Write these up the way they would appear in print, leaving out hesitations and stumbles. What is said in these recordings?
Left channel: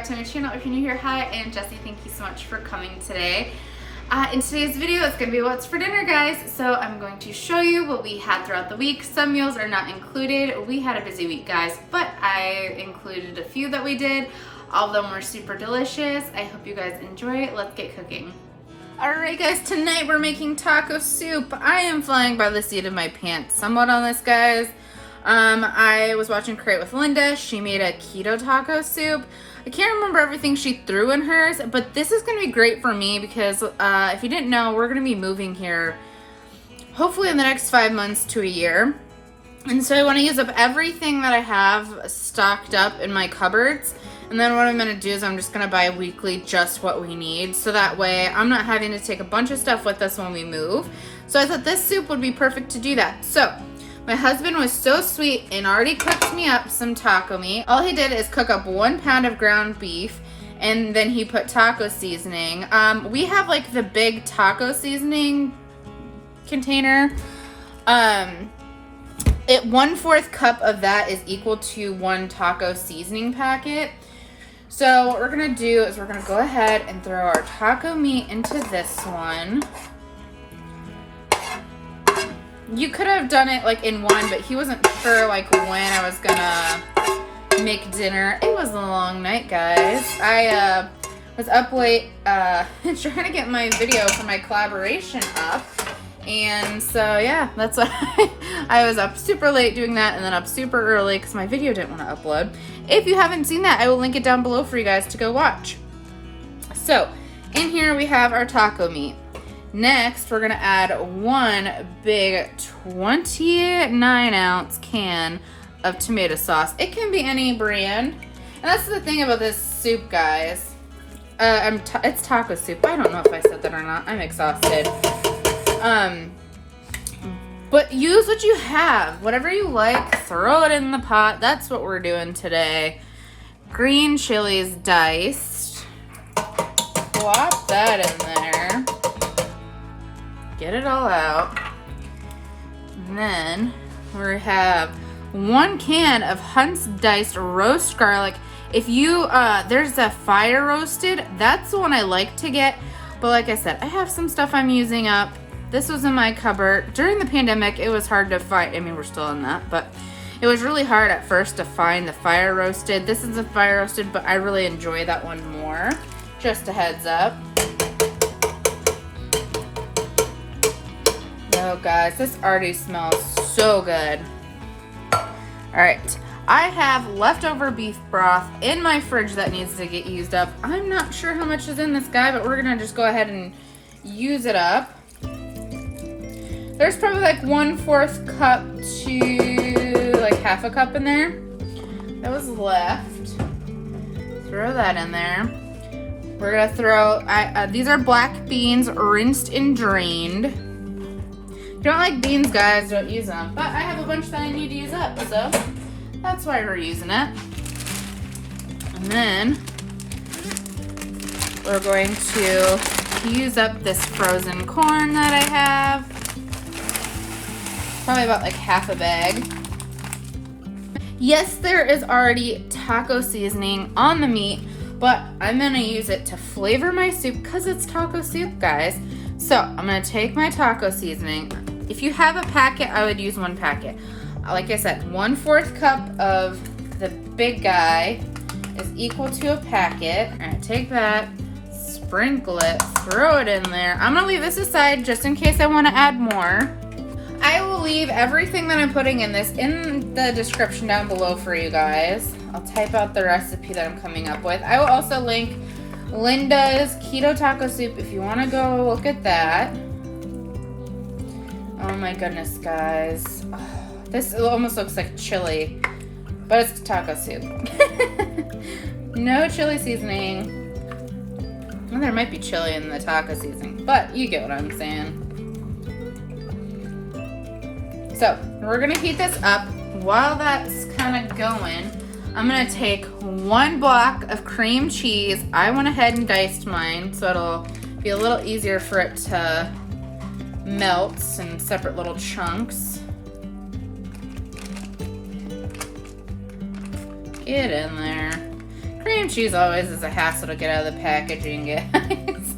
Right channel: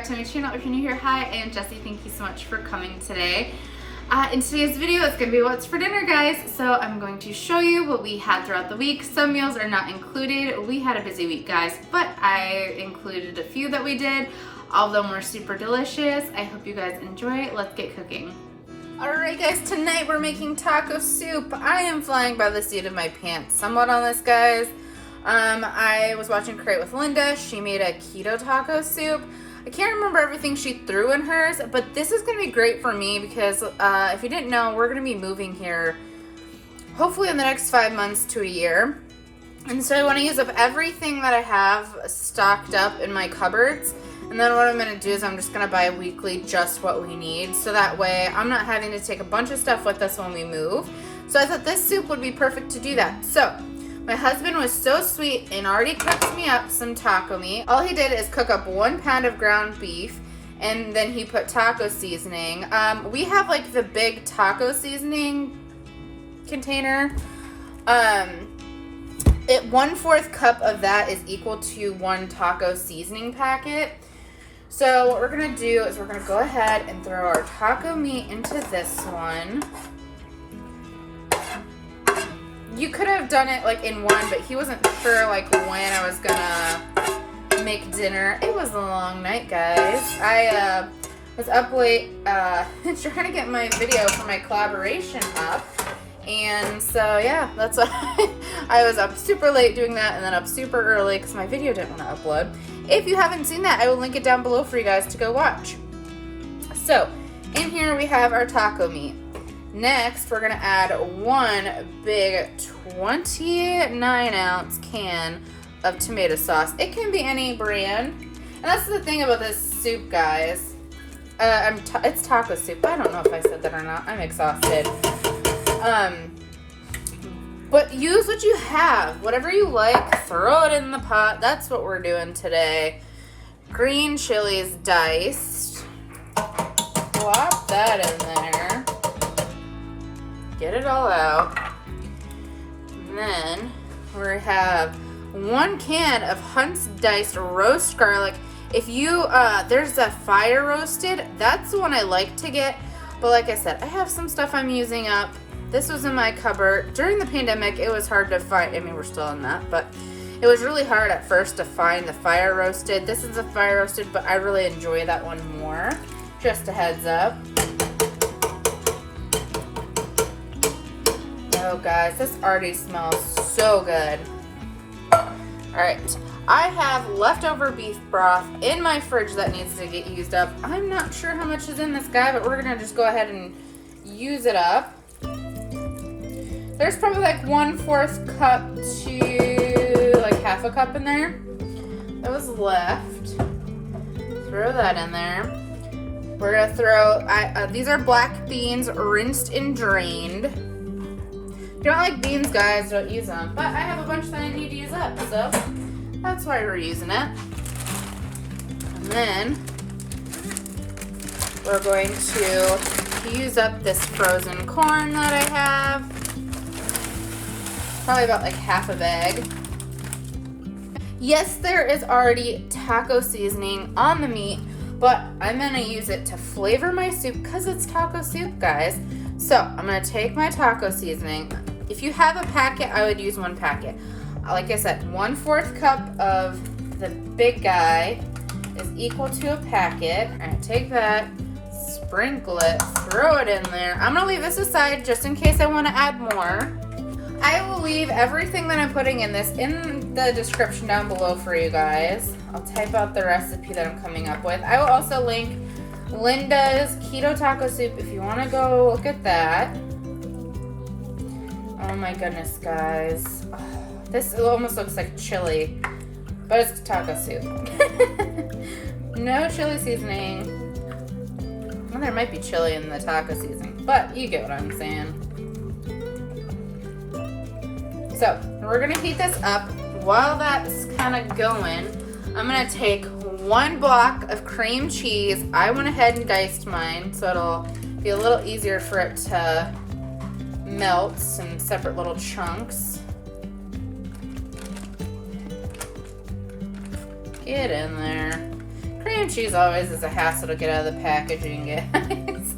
back to my channel. If you're new here, hi, I am Jessi. Thank you so much for coming today. In today's video, it's going to be what's for dinner, guys. So I'm going to show you what we had throughout the week. Some meals are not included. We had a busy week, guys, but I included a few that we did. All of them were super delicious. I hope you guys enjoy it. Let's get cooking. Alright guys, tonight we're making taco soup. I am flying by the seat of my pants somewhat on this, guys. I was watching Create with Linda. She made a keto taco soup. I can't remember everything she threw in hers, but this is going to be great for me because if you didn't know, we're going to be moving here hopefully in the next 5 months to a year. And so I want to use up everything that I have stocked up in my cupboards. And then what I'm going to do is I'm just going to buy weekly just what we need. So that way I'm not having to take a bunch of stuff with us when we move. So I thought this soup would be perfect to do that. So my husband was so sweet and already cooked me up some taco meat. All he did is cook up 1 pound of ground beef, and then he put taco seasoning. We have like the big taco seasoning container. 1/4 cup of that is equal to 1 taco seasoning packet. So what we're gonna do is we're gonna go ahead and throw our taco meat into this one. You could have done it like in one, but he wasn't sure like when I was gonna make dinner. It was a long night, guys. I was up late trying to get my video for my collaboration up. And so yeah, that's why I was up super late doing that, and then up super early because my video didn't want to upload. If you haven't seen that, I will link it down below for you guys to go watch. So in here we have our taco meat. Next, we're gonna add 1 big 29-ounce can of tomato sauce. It can be any brand. And that's the thing about this soup, guys. It's taco soup. I don't know if I said that or not. I'm exhausted. But use what you have. Whatever you like, throw it in the pot. That's what we're doing today. Green chilies diced. Plop that in there. Get it all out. And then we have 1 can of Hunt's diced roast garlic. If you, there's a fire roasted, that's the one I like to get. But like I said, I have some stuff I'm using up. This was in my cupboard. During the pandemic, it was hard to find. I mean, we're still in that, but it was really hard at first to find the fire roasted. This is a fire roasted, but I really enjoy that one more. Just a heads up. Oh, guys, this already smells so good. All right, I have leftover beef broth in my fridge that needs to get used up. I'm not sure how much is in this guy, but we're gonna just go ahead and use it up. There's probably like 1/4 cup to like 1/2 cup in there. It was left. Throw that in there. We're gonna throw, these are black beans, rinsed and drained. If you don't like beans, guys, don't use them. But I have a bunch that I need to use up, so that's why we're using it. And then we're going to use up this frozen corn that I have. Probably about like 1/2 bag. Yes, there is already taco seasoning on the meat, but I'm gonna use it to flavor my soup because it's taco soup, guys. So I'm gonna take my taco seasoning. If you have a packet, I would use 1 packet. Like I said, 1/4 cup of the big guy is equal to a packet. I'm gonna take that, sprinkle it, throw it in there. I'm gonna leave this aside just in case I wanna add more. I will leave everything that I'm putting in this in the description down below for you guys. I'll type out the recipe that I'm coming up with. I will also link Linda's keto taco soup if you want to go look at that. Oh my goodness, guys. This almost looks like chili, but it's taco soup. No chili seasoning. Well, there might be chili in the taco seasoning, but you get what I'm saying. So we're gonna heat this up. While that's kind of going, I'm gonna take 1 block of cream cheese. I went ahead and diced mine so it'll be a little easier for it to melt in separate little chunks. Get in there. Cream cheese always is a hassle to get out of the packaging, guys.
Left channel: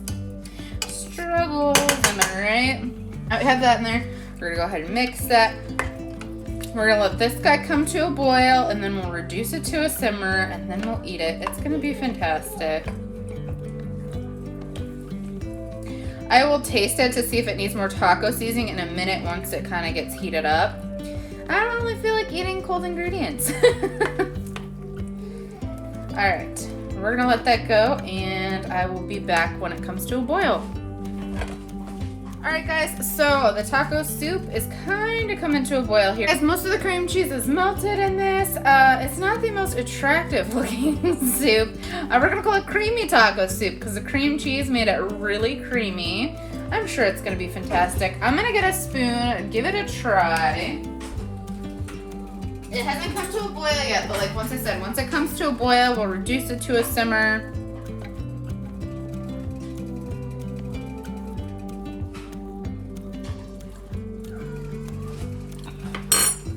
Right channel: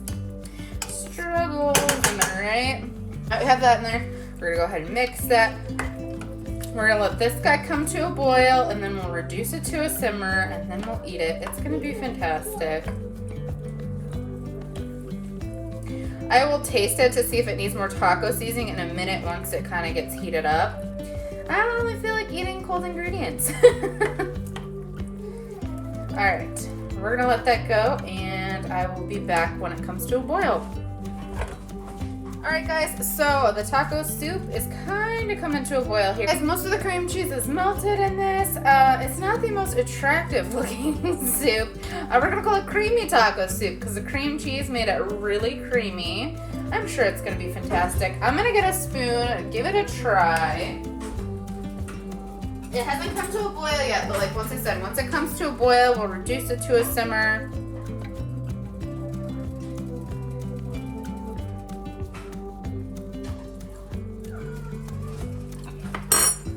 Struggles, am I right? I have that in there. We're gonna go ahead and mix that. We're gonna let this guy come to a boil, and then we'll reduce it to a simmer, and then we'll eat it. It's gonna be fantastic. I will taste it to see if it needs more taco seasoning in a minute once it kind of gets heated up. I don't really feel like eating cold ingredients. Alright, we're gonna let that go, and I will be back when it comes to a boil. Alright guys, so the taco soup is kind of coming to a boil here. Guys, most of the cream cheese is melted in this. It's not the most attractive looking soup. We're gonna call it creamy taco soup because the cream cheese made it really creamy. I'm sure it's gonna be fantastic. I'm gonna get a spoon and give it a try. It hasn't come to a boil yet, but like once I said, once it comes to a boil, we'll reduce it to a simmer.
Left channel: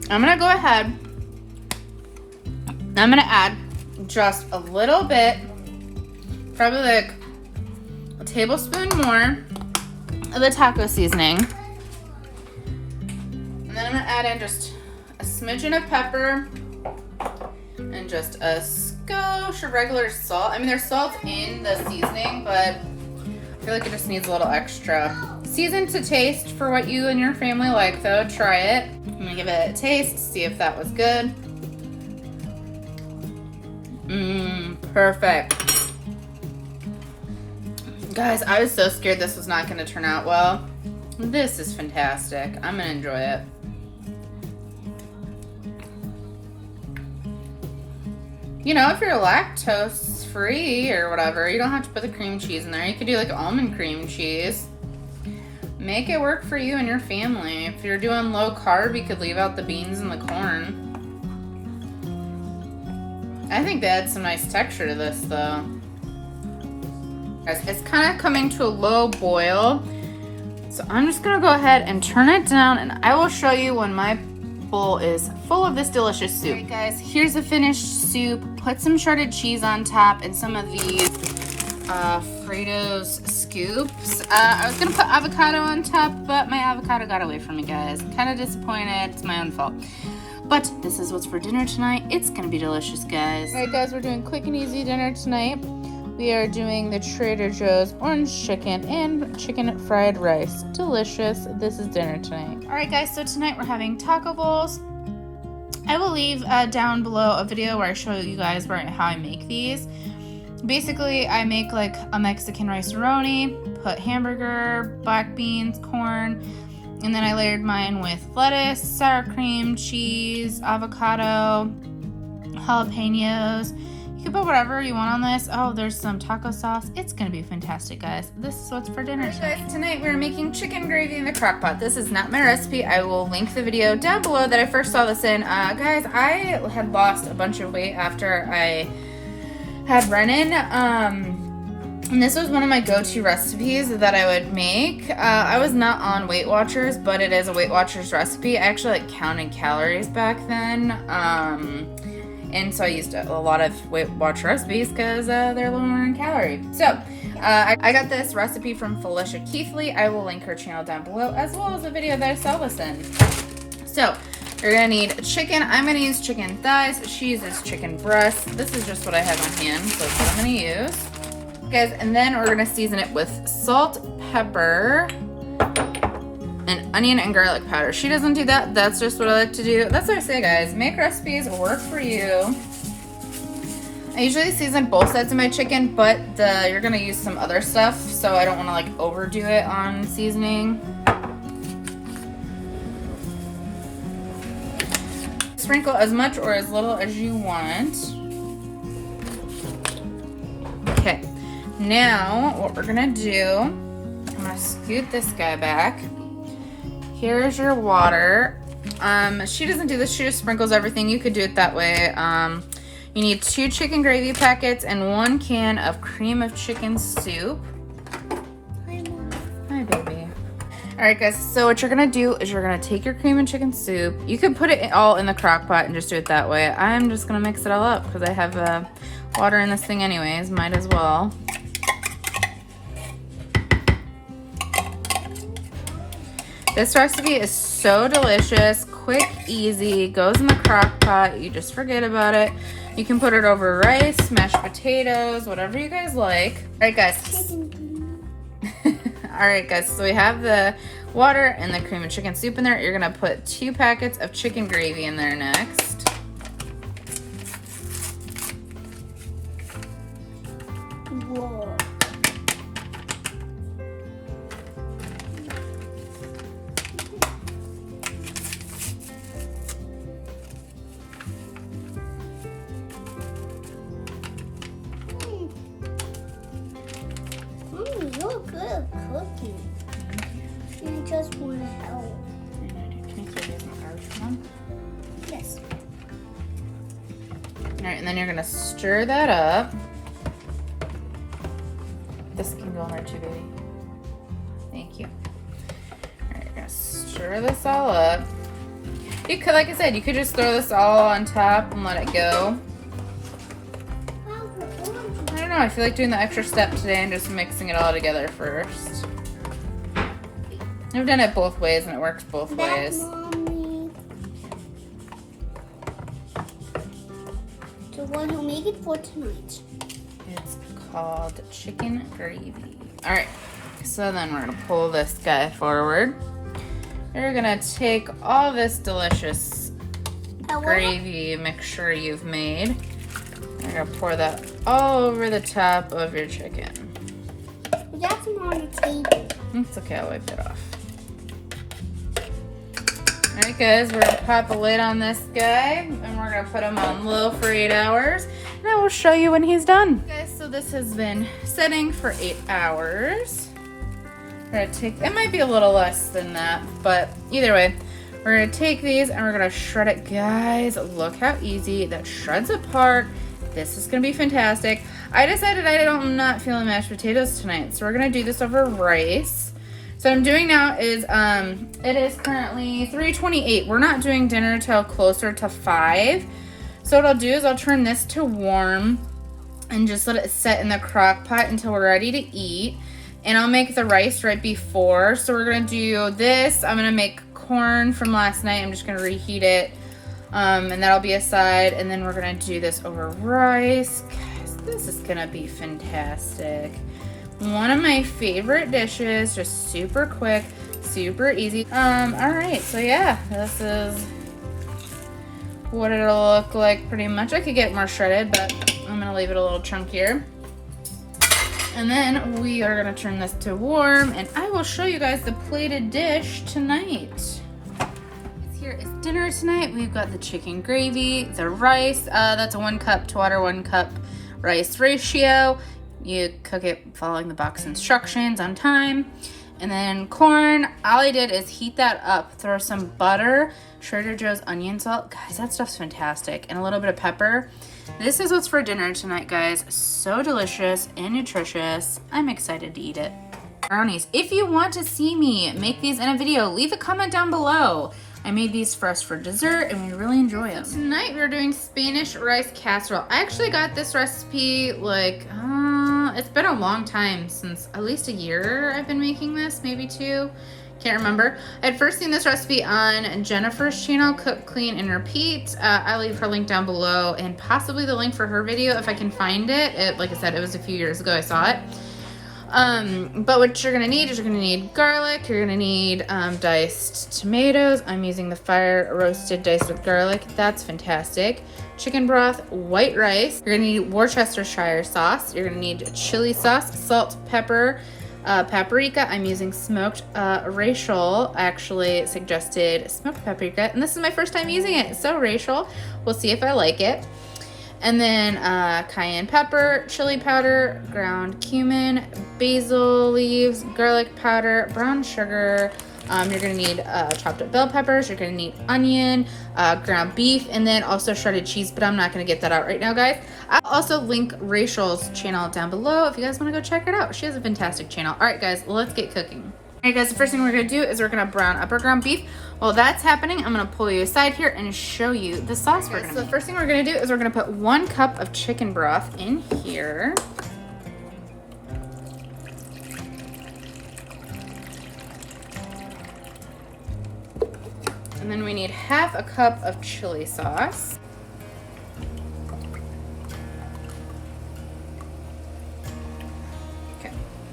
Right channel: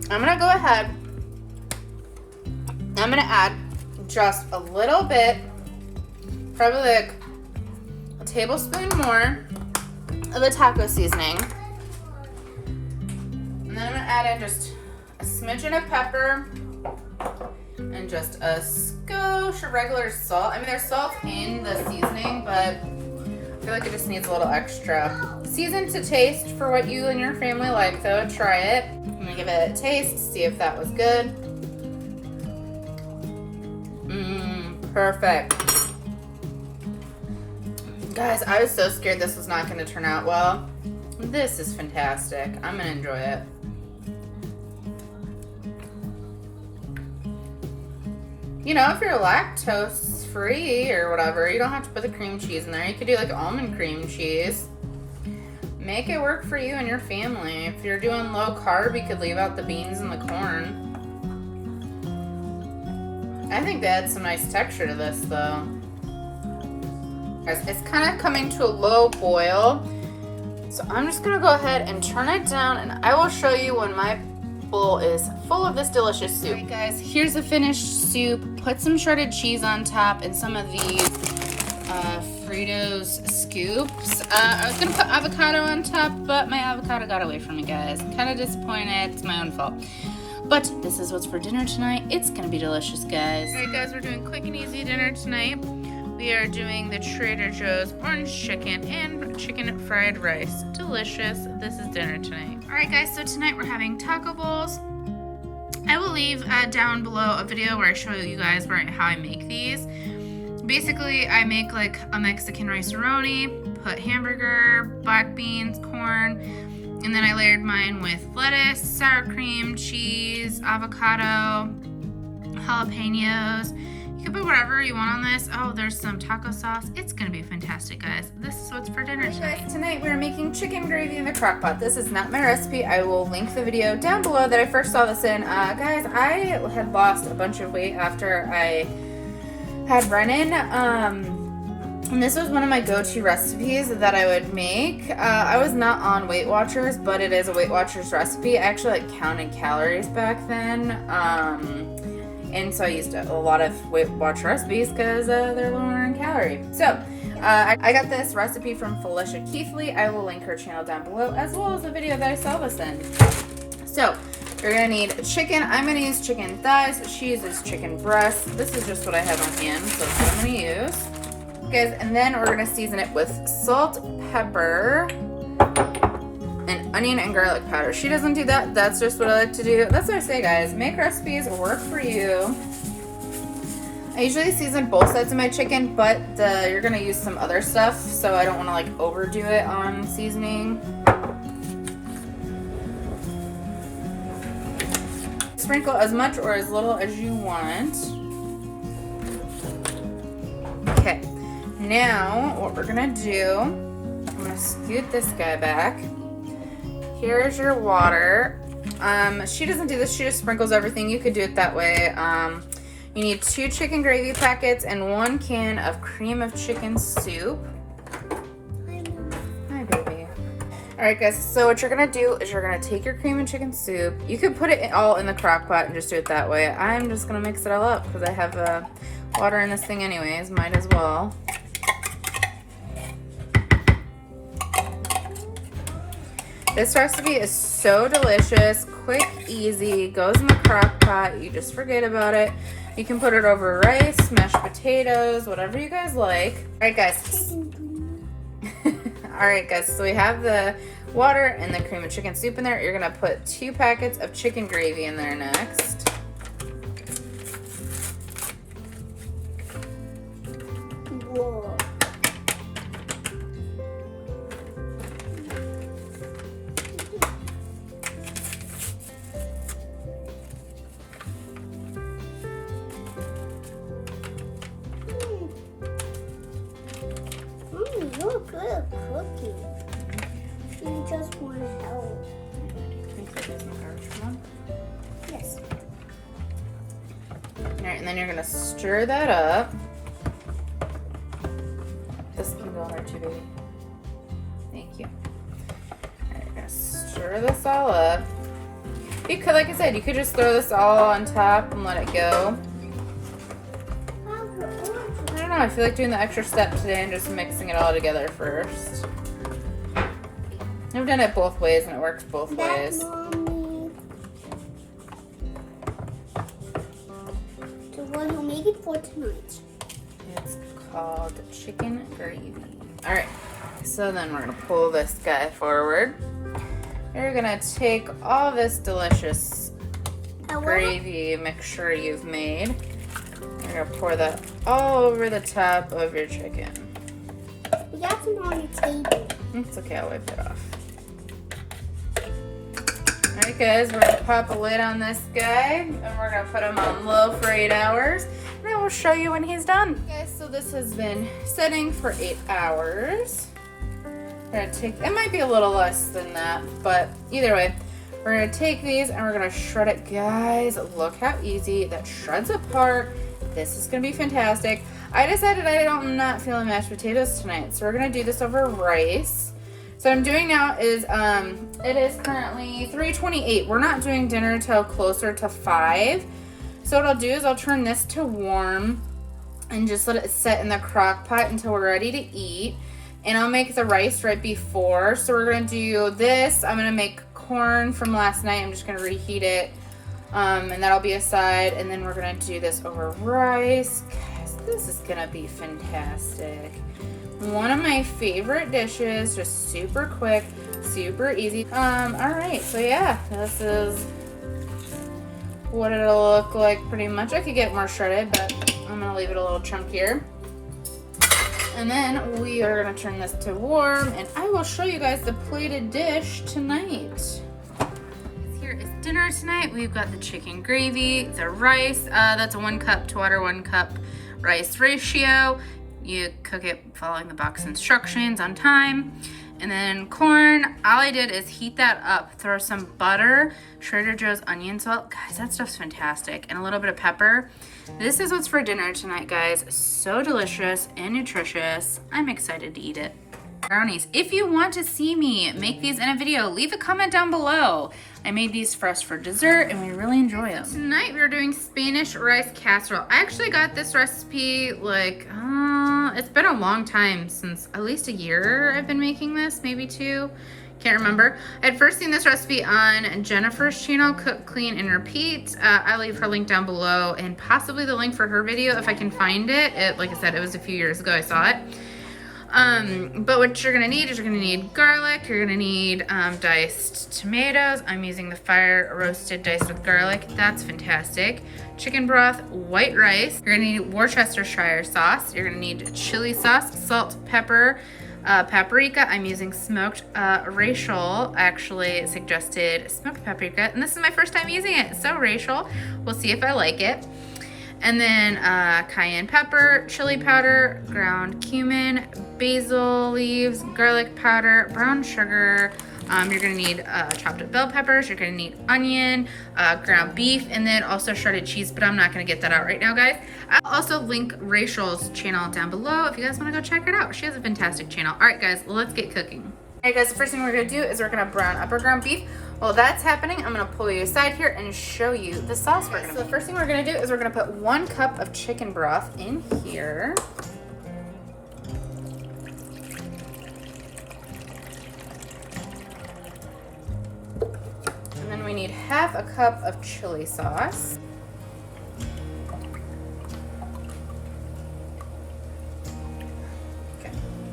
I'm gonna go ahead, I'm gonna add just a little bit, probably like a tablespoon more of the taco seasoning. And then I'm gonna add in just a smidgen of pepper and just a skosh of regular salt. I mean, there's salt in the seasoning, but I feel like it just needs a little extra. Season to taste for what you and your family like, though. Try it. I'm gonna give it a taste, see if that was good. Perfect. Guys, I was so scared this was not gonna turn out well. This is fantastic. I'm gonna enjoy it. You know, if you're lactose free or whatever, you don't have to put the cream cheese in there. You could do like almond cream cheese. Make it work for you and your family. If you're doing low carb, you could leave out the beans and the corn. I think they add some nice texture to this though. Guys, it's kind of coming to a low boil. So I'm just gonna go ahead and turn it down, and I will show you when my bowl is full of this delicious soup. Alright guys, here's the finished soup. Put some shredded cheese on top and some of these Fritos scoops. I was gonna put avocado on top, but my avocado got away from me, guys. Kind of disappointed. It's my own fault. But this is what's for dinner tonight. It's gonna be delicious, guys. Alright guys, we're doing quick and easy dinner tonight. We are doing the Trader Joe's orange chicken and chicken fried rice. Delicious. This is dinner tonight. Alright guys, so tonight we're having taco bowls. I will leave down below a video where I show you guys how I make these. Basically, I make like a Mexican rice-a-roni, put hamburger, black beans, corn, and then I layered mine with lettuce, sour cream, cheese, avocado, jalapenos. You can put whatever you want on this. Oh, there's some taco sauce. It's gonna be fantastic, guys. This is what's for dinner tonight. Guys, tonight we're making chicken gravy in the crock pot. This is not my recipe. I will link the video down below that I first saw this in. Guys, I had lost a bunch of weight after I had Brennan. And this was one of my go-to recipes that I would make. I was not on Weight Watchers, but it is a Weight Watchers recipe. I actually like counted calories back then. And so I used a lot of Weight Watch recipes because they're a little more in calorie. So I got this recipe from Felicia Keithley. I will link her channel down below, as well as the video that I saw this in. So you're gonna need chicken. I'm gonna use chicken thighs. She uses chicken breasts. This is just what I have in hand, so that's what I'm gonna use. Guys, and then we're gonna season it with salt, pepper, and onion and garlic powder. She doesn't do that. That's just what I like to do. That's what I say, guys. Make recipes work for you. I usually season both sides of my chicken, but you're gonna use some other stuff, so I don't want to like overdo it on seasoning. Sprinkle as much or as little as you want. Okay, now what we're gonna do, I'm gonna scoot this guy back. Here's your water. She doesn't do this, she just sprinkles everything. You could do it that way. You need 2 chicken gravy packets and 1 can of cream of chicken soup. Hi, Mom. Hi, baby. Alright guys, so what you're gonna do is you're gonna take your cream and chicken soup. You can put it all in the crock pot and just do it that way. I'm just gonna mix it all up because I have water in this thing anyways, might as well. This recipe is so delicious, quick, easy, goes in the crock pot, you just forget about it. You can put it over rice, mashed potatoes, whatever you guys like. All right, guys. All right, guys, so we have the water and the cream of chicken soup in there. You're gonna put 2 packets of chicken gravy in there next. Whoa. You're good at cooking. You just want to help. Yes. Alright, and then you're gonna stir that up. This can go in there too, baby. Thank you. Alright, you're gonna stir this all up. You could, like I said, you could just throw this all on top and let it go. I don't know, I feel like doing the extra step today and just mixing it all together first. I've done it both ways and it works both ways. Mommy. So what do you make it for tonight? It's called chicken gravy. Alright, so then we're gonna pull this guy forward. You're gonna take all this delicious gravy mixture you've made. You're gonna pour that all over the top of your chicken. That's on the table. It's okay, I'll wipe it off. Alright guys, we're gonna pop a lid on this guy and we're gonna put him on low for 8 hours and I will show you when he's done. Guys, so this has been setting for 8 hours. We're gonna take, it might be a little less than that, but either way, we're gonna take these and we're gonna shred it. Guys, look how easy that shreds apart. This is gonna be fantastic. I decided I'm not feeling mashed potatoes tonight, so we're gonna do this over rice. So what I'm doing now is, it is currently 3:28. We're not doing dinner till closer to 5. So what I'll do is I'll turn this to warm and just let it sit in the crock pot until we're ready to eat. And I'll make the rice right before. So we're gonna do this. I'm gonna make corn from last night. I'm just gonna reheat it. And that'll be aside, and then we're gonna do this over rice. Guys, this is gonna be fantastic. One of my favorite dishes, just super quick, super easy. All right, so yeah, this is what it'll look like pretty much. I could get more shredded, but I'm gonna leave it a little chunkier. And then we are gonna turn this to warm, and I will show you guys the plated dish tonight. Here is dinner tonight. We've got the chicken gravy, the rice. That's a 1 cup to water, 1 cup rice ratio. You cook it following the box instructions on time. And then corn, all I did is heat that up, throw some butter, Trader Joe's onion salt. Guys, that stuff's fantastic. And a little bit of pepper. This is what's for dinner tonight, guys. So delicious and nutritious. I'm excited to eat it. Brownies. If you want to see me make these in a video, leave a comment down below. I made these for us for dessert and we really enjoy them. Tonight we're doing Spanish rice casserole. I actually got this recipe like, it's been a long time, since at least a year I've been making this, maybe 2. Can't remember. I had first seen this recipe on Jennifer's channel, Cook, Clean, and Repeat. I'll leave her link down below and possibly the link for her video if I can find it. Like I said, it was a few years ago I saw it. But what you're gonna need is you're gonna need garlic, you're gonna need diced tomatoes. I'm using the fire roasted dice of garlic. That's fantastic. Chicken broth, white rice. You're gonna need Worcestershire sauce. You're gonna need chili sauce, salt, pepper, paprika. I'm using smoked Rachel actually suggested smoked paprika, and this is my first time using it. So Rachel, we'll see if I like it. And then cayenne pepper, chili powder, ground cumin, basil leaves, garlic powder, brown sugar. You're gonna need chopped up bell peppers. You're gonna need onion, ground beef, and then also shredded cheese, but I'm not gonna get that out right now, guys. I'll also link Rachel's channel down below if you guys wanna go check it out. She has a fantastic channel. All right, guys, let's get cooking. Alright guys, the first thing we're gonna do is we're gonna brown up our ground beef. While that's happening, I'm gonna pull you aside here and show you the sauce we're gonna make. So the first thing we're gonna do is we're gonna put 1 cup of chicken broth in here. And then we need 1/2 cup of chili sauce.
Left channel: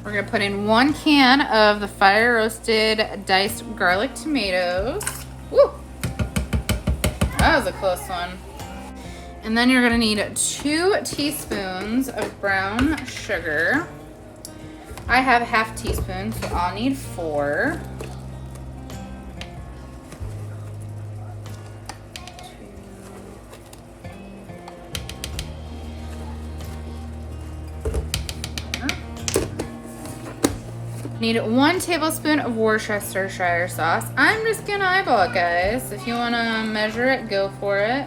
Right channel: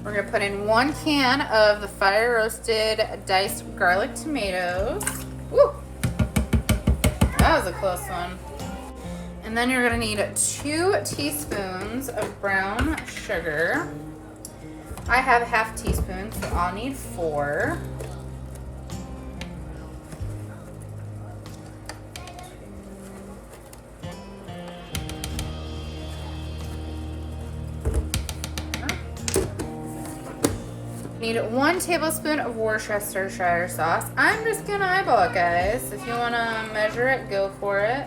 We're gonna put in 1 can of the fire roasted diced garlic tomatoes. Woo! That was a close one. And then you're gonna need 2 teaspoons of brown sugar. I have 1/2 teaspoon, so I'll need 4. Need 1 tablespoon of Worcestershire sauce. I'm just gonna eyeball it, guys. If you wanna measure it, go for it.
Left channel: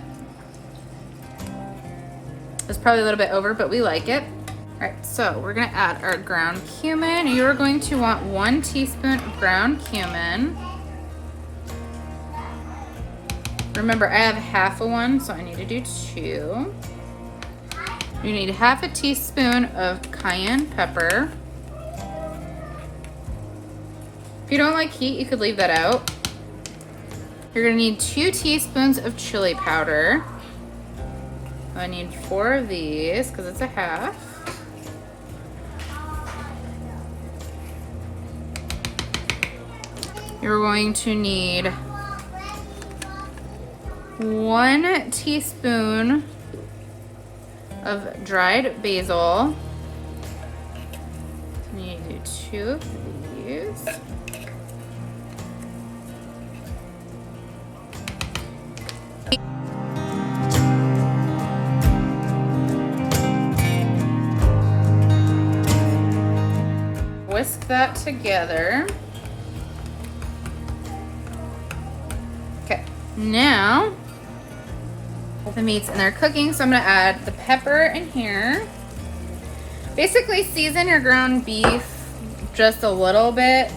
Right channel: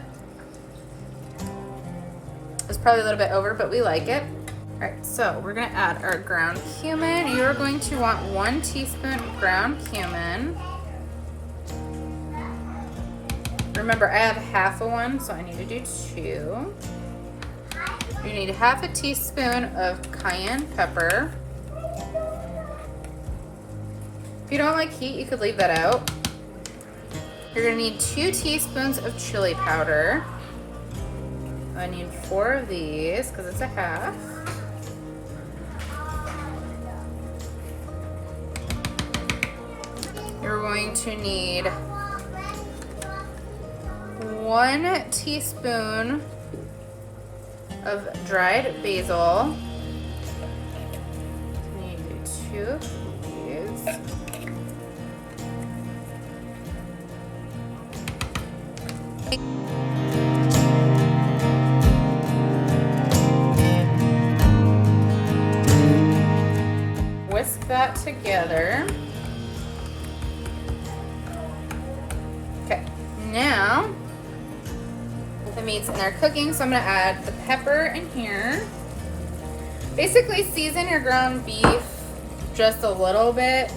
It's probably a little bit over, but we like it. All right, so we're gonna add our ground cumin. You're going to want 1 teaspoon of ground cumin. Remember, I have 1/2 one, so I need to do 2. You need 1/2 teaspoon of cayenne pepper. If you don't like heat, you could leave that out. You're gonna need 2 teaspoons of chili powder. I need 4 of these because it's a 1/2. You're going to need 1 teaspoon of dried basil. So you need to do 2 of these. Whisk that together. Okay, now the meat's in there cooking, so I'm gonna add the pepper in here. Basically season your ground beef just a little bit.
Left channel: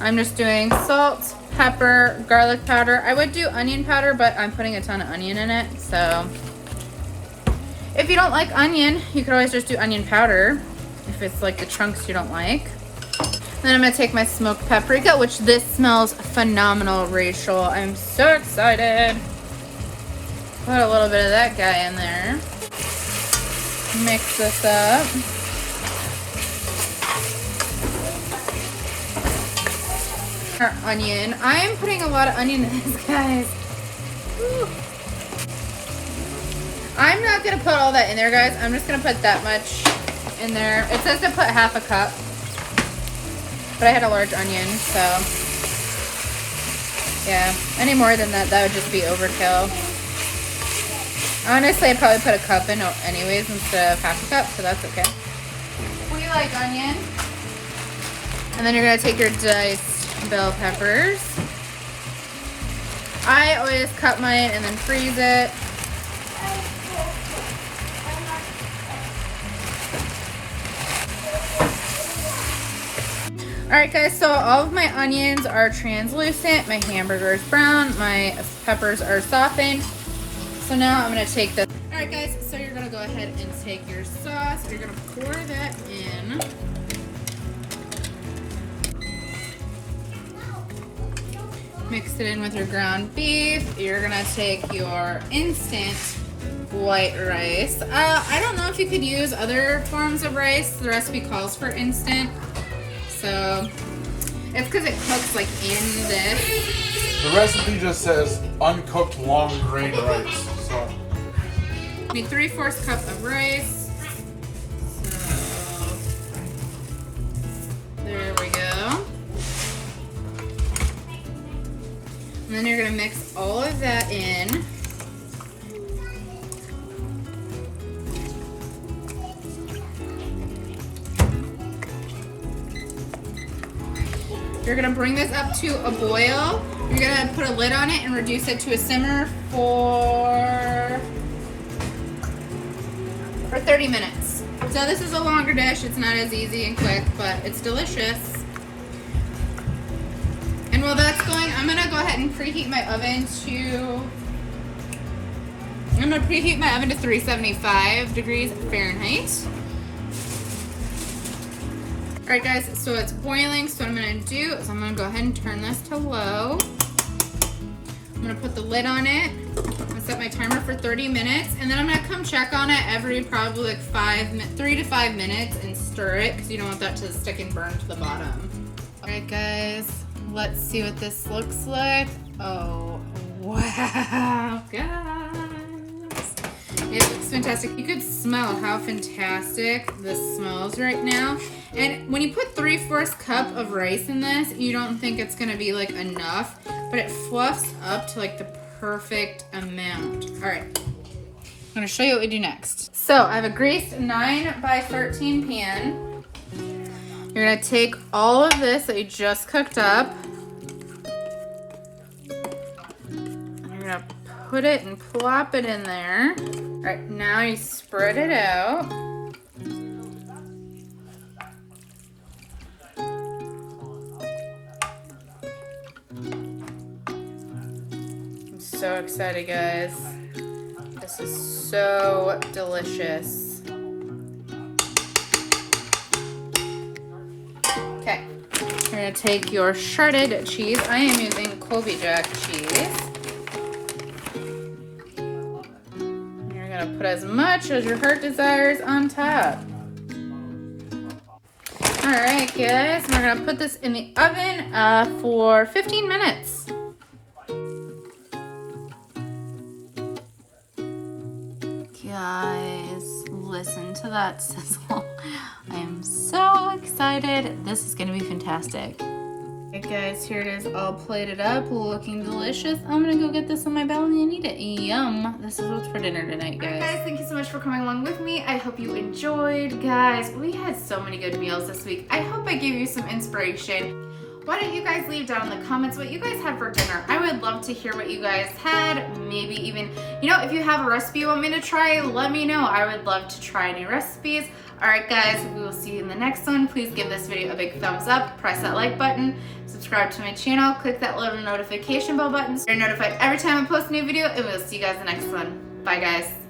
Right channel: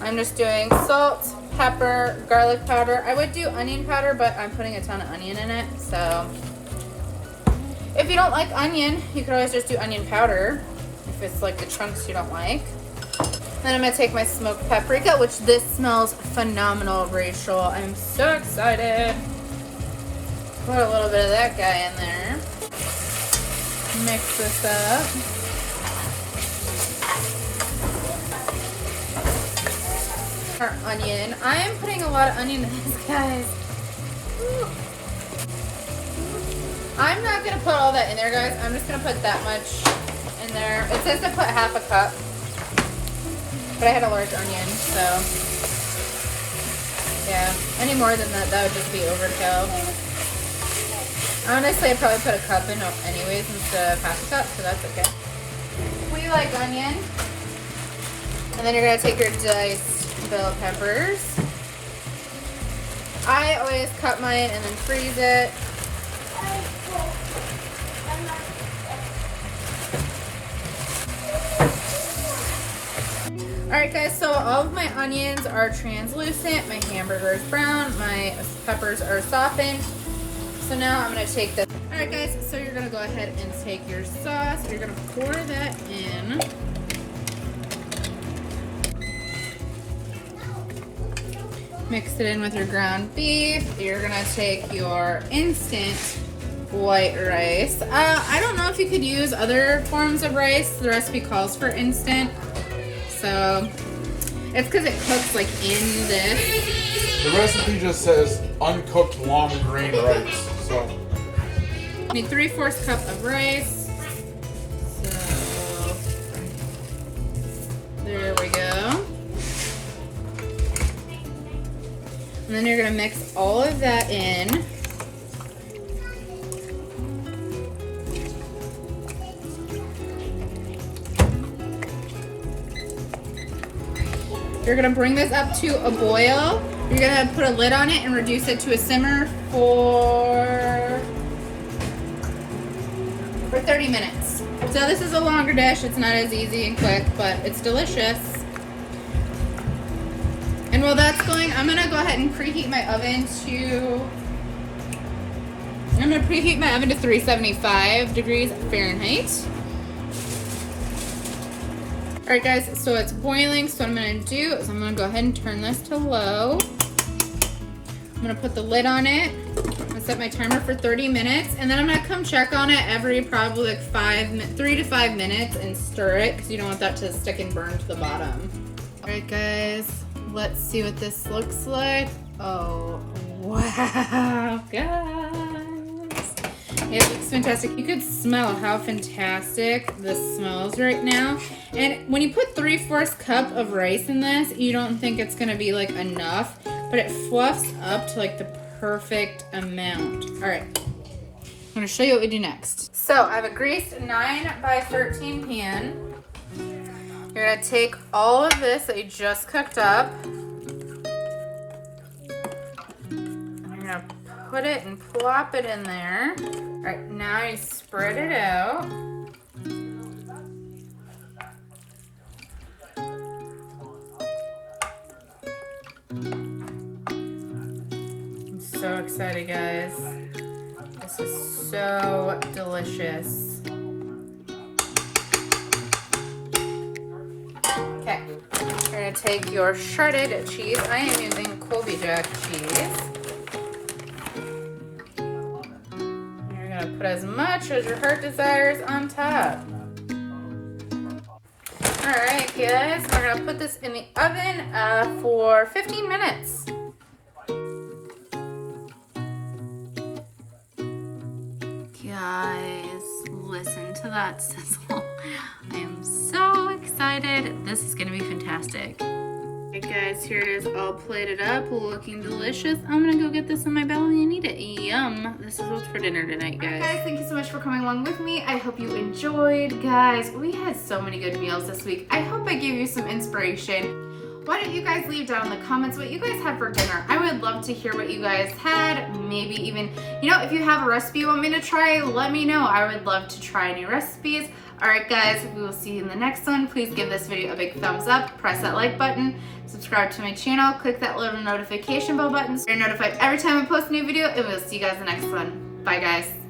I'm just doing salt, pepper, garlic powder. I would do onion powder, but I'm putting a ton of onion in it, so if you don't like onion, you could always just do onion powder if it's like the chunks you don't like. Then I'm gonna take my smoked paprika, which this smells phenomenal, Rachel. I'm so excited. Put a little bit of that guy in there. Mix this up. Our onion. I am putting a lot of onion in this, guys. Woo. I'm not gonna put all that in there, guys. I'm just gonna put that much in there. It says to put 1/2 cup, but I had a large onion, so yeah. Any more than that, that would just be overkill. Honestly, I'd probably put a cup in anyways instead of 1/2 cup, so that's okay. What do you like, onion? And then you're gonna take your diced bell peppers. I always cut mine and then freeze it. Alright guys, so all of my onions are translucent, my hamburger is brown, my peppers are softened. So now I'm going to take this. Alright guys, so you're going to go ahead and take your sauce, you're going to pour that in. Mix it in with your ground beef. You're going to take your instant white rice. I don't know if you could use other forms of rice. The recipe calls for instant. So it's because it cooks like in this. The recipe just says uncooked long grain rice. So I need 3/4 cup of rice. So there we go. And then you're gonna mix all of that in. You're gonna bring this up to a boil. You're gonna put a lid on it and reduce it to a simmer for 30 minutes. So this is a longer dish. It's not as easy and quick, but it's delicious. going, I'm gonna go ahead and preheat my oven to 375 degrees Fahrenheit. All right, guys, so it's boiling. So what I'm gonna do is I'm gonna go ahead and turn this to low. I'm gonna put the lid on it. I'm gonna set my timer for 30 minutes, and then I'm gonna come check on it every probably like 3 to 5 minutes and stir it because you don't want that to stick and burn to the bottom. All right, guys, let's see what this looks like. Oh, wow, guys. It looks fantastic. You could smell how fantastic this smells right now. And when you put 3/4 cup of rice in this, you don't think it's gonna be like enough, but it fluffs up to like the perfect amount. All right, I'm gonna show you what we do next. So I have a greased 9x13 pan. You're gonna take all of this that you just cooked up. You're gonna put it and plop it in there. All right, now you spread it out. I'm so excited, guys. This is so delicious. Okay, you're gonna take your shredded cheese. I am using Kobe Jack cheese. Put as much as your heart desires on top. All right, guys, we're gonna put this in the oven for 15 minutes. Guys, listen to that sizzle. I am so excited. This is gonna be fantastic. Hey guys, here it is all plated up, looking delicious. I'm gonna go get this on my belly and eat it. Yum. This is what's for dinner tonight, guys. Alright guys, thank you so much for coming along with me. I hope you enjoyed. Guys, we had so many good meals this week. I hope I gave you some inspiration. Why don't you guys leave down in the comments what you guys had for dinner? I would love to hear what you guys had. Maybe even, you know, if you have a recipe you want me to try, let me know. I would love to try new recipes. Alright guys, we will see you in the next one. Please give this video a big thumbs up, press that like button, subscribe to my channel, click that little notification bell button so you're notified every time I post a new video, and we'll see you guys in the next one. Bye guys.